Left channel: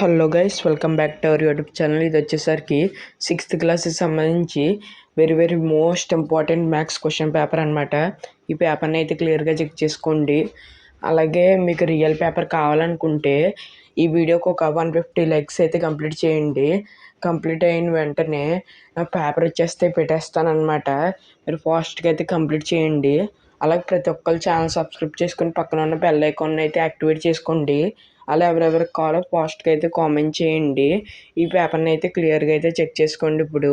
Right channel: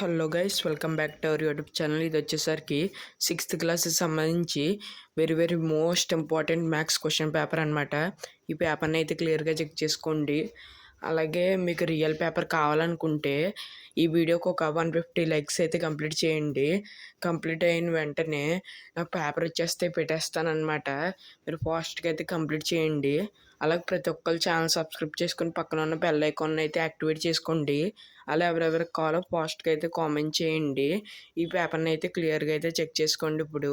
Hello guys, welcome back to our YouTube channel. ఇది వచ్చేసరికి 6th క్లాస్కి సంబంధించి very most important maths question paper అనమాట. ఈ పేపర్ని అయితే క్లియర్గా చెక్ చేసుకోండి. అలాగే మీకు రియల్ పేపర్ కావాలనుకుంటే ఈ వీడియోకి ఒక 150 లైక్స్ అయితే కంప్లీట్ చేయండి. కంప్లీట్ అయిన వెంటనే నాకు పేపర్ వచ్చేస్తే పెట్టేస్తానమాట. మీరు ఫాస్ట్గా అయితే కంప్లీట్ చేయండి. అలాగే ప్రతి ఒక్కరు ఛానల్ సబ్స్క్రైబ్ చేసుకుని పక్కన ఉన్న బెల్ ఐకాన్ అయితే యాక్టివేట్ చేసుకోండి. అలా ఎవరెవరికి కావాలో ఫాస్ట్గా అయితే కామెంట్ చేయండి. ఈ పేపర్ని అయితే క్లియర్గా అయితే చెక్ చేసుకోండి. ఇప్పుడు